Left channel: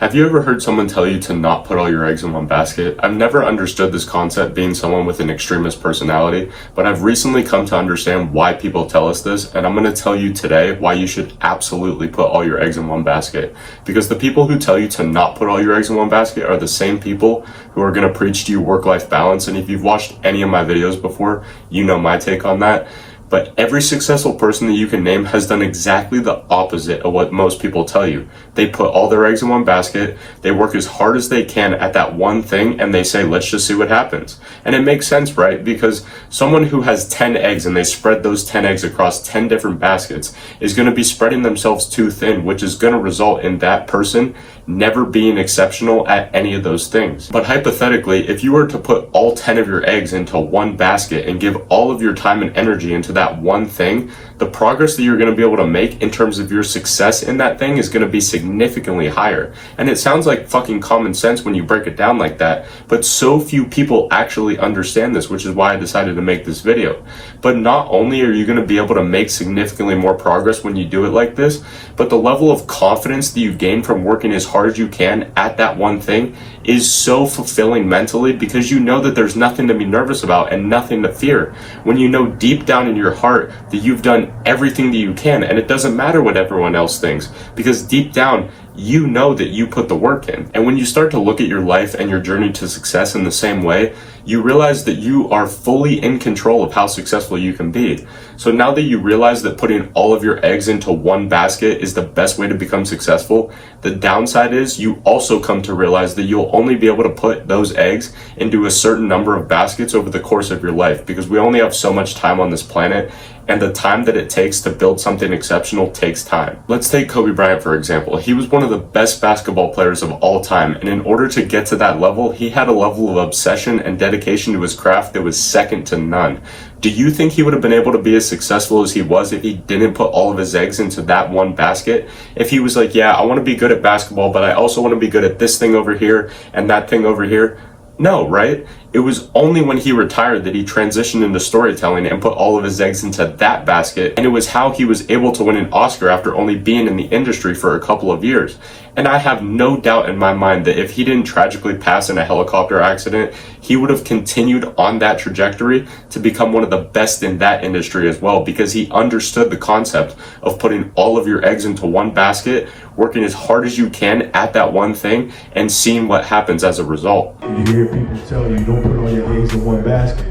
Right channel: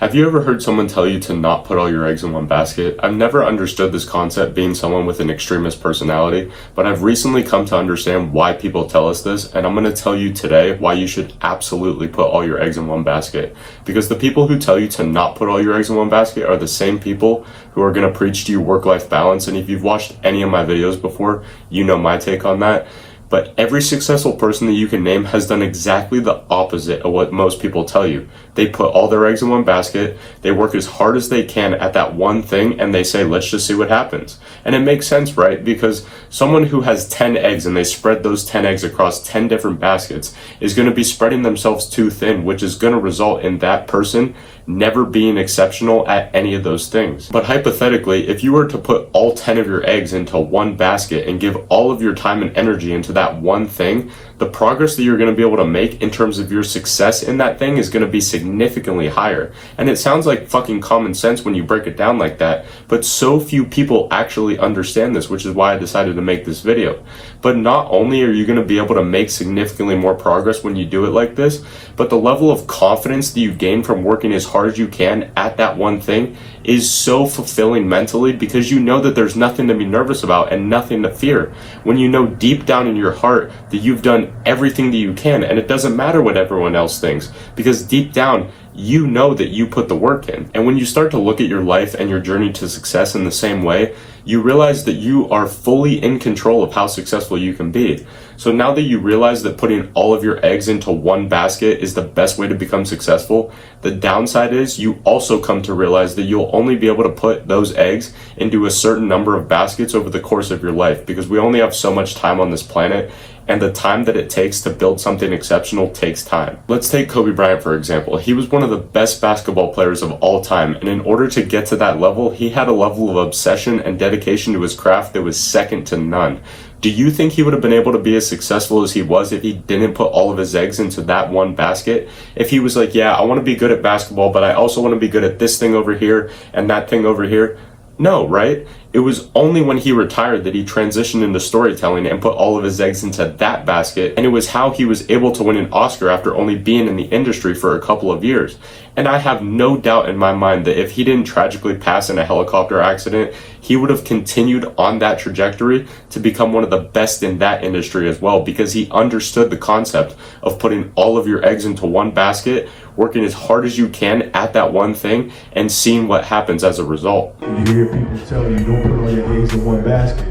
Have you ever heard someone tell you to not put all your eggs in one basket? I've never understood this concept being someone with an extremist personality, but I've recently come to understand why people tell us this, and I'm going to tell you today why you should absolutely put all your eggs in one basket. Because the people who tell you to not put all your eggs in one basket are the same people who are going to preach to you work-life balance, and if you've watched any of my videos before, you know my take on that. But every successful person that you can name has done exactly the opposite of what most people tell you. They put all their eggs in one basket, they work as hard as they can at that one thing, and they say, let's just see what happens. And it makes sense, right? Because someone who has 10 eggs and they spread those 10 eggs across 10 different baskets is going to be spreading themselves too thin, which is going to result in that person never being exceptional at any of those things. But hypothetically, if you were to put all 10 of your eggs into one basket and give all of your time and energy into that one thing, the progress that you're going to be able to make in terms of your success in that thing is going to be significantly higher. And it sounds like fucking common sense when you break it down like that, but so few people actually understand this, which is why I decided to make this video. But not only are you going to be able to make significantly more progress when you do it like this, but the level of confidence that you gain from working as hard as you can at that one thing is so fulfilling mentally, because you know that there's nothing to be nervous about and nothing to fear. When you know deep down in your heart that you've done everything that you can, and it doesn't matter what everyone else thinks, because deep down you know that you put the work in. And when you start to look at your life and your journey to success in the same way, you realize that you are fully in control of how successful you can be. So now that you realize that putting all of your eggs into one basket is the best way to become successful, the downside is you also come to realize that you'll only be able to put those eggs into a certain number of baskets over the course of your life, because we only have so much time on this planet, and the time that it takes to build something exceptional takes time. Let's take Kobe Bryant, for example. He was one of the best basketball players of all time, and in order to get to that level, he had a level of obsession and dedication to his craft that was second to none. Do you think he would have been able to be as successful as he was if he didn't put all of his eggs into that one basket? If he was like, yeah, I want to be good at basketball, but I also want to be good at this thing over here and that thing over here? No, right? It was only when he retired that he transitioned into storytelling and put all of his eggs into that basket, and it was how he was able to win an Oscar after only being in the industry for a couple of years. And I have no doubt in my mind that if he didn't tragically pass in a helicopter accident, he would have continued on that trajectory to become one of the best in that industry as well, because he understood the concept of putting all of your eggs into one basket, working as hard as you can at that one thing, and seeing what happens as a result. You hear people tell you don't put all your eggs in one basket.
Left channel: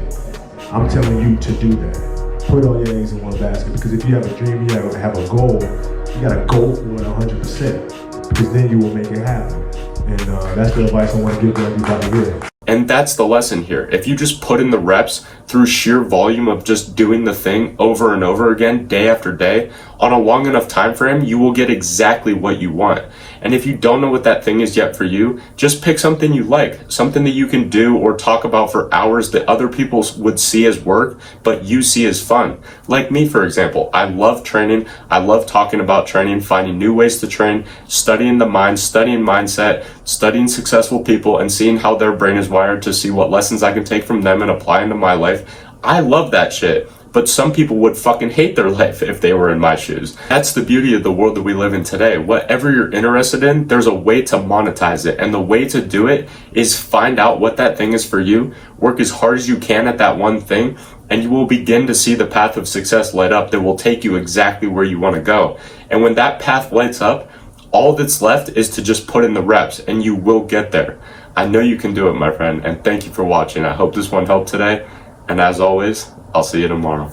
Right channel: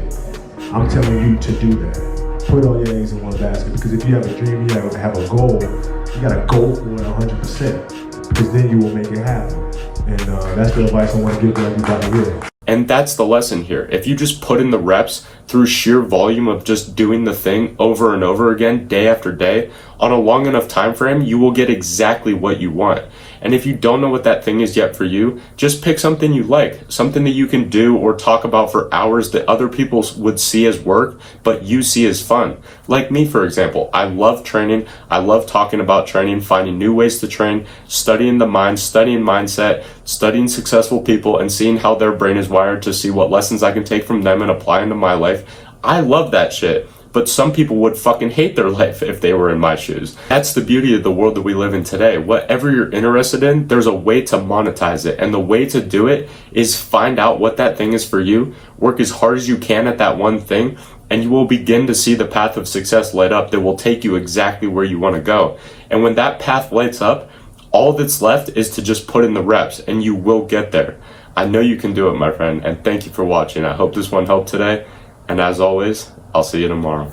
I'm telling you to do that. Put all your eggs in one basket, because if you have a dream, you have a goal, you gotta go for it 100%, because then you will make it happen. And that's the advice I want to give to everybody here. And that's the lesson here. If you just put in the reps through sheer volume of just doing the thing over and over again, day after day, on a long enough time frame, you will get exactly what you want. And if you don't know what that thing is yet for you, just pick something you like, something that you can do or talk about for hours that other people would see as work, but you see as fun. Like me, for example, I love training. I love talking about training, finding new ways to train, studying the mind, studying mindset, studying successful people, and seeing how their brain is wired to see what lessons I can take from them and apply into my life. I love that shit. But some people would fucking hate their life if they were in my shoes. That's the beauty of the world that we live in today. Whatever you're interested in, there's a way to monetize it. And the way to do it is find out what that thing is for you, work as hard as you can at that one thing, and you will begin to see the path of success light up that will take you exactly where you want to go. And when that path lights up, all that's left is to just put in the reps, and you will get there. I know you can do it, my friend, and thank you for watching. I hope this one helped today. And as always, I'll see you tomorrow.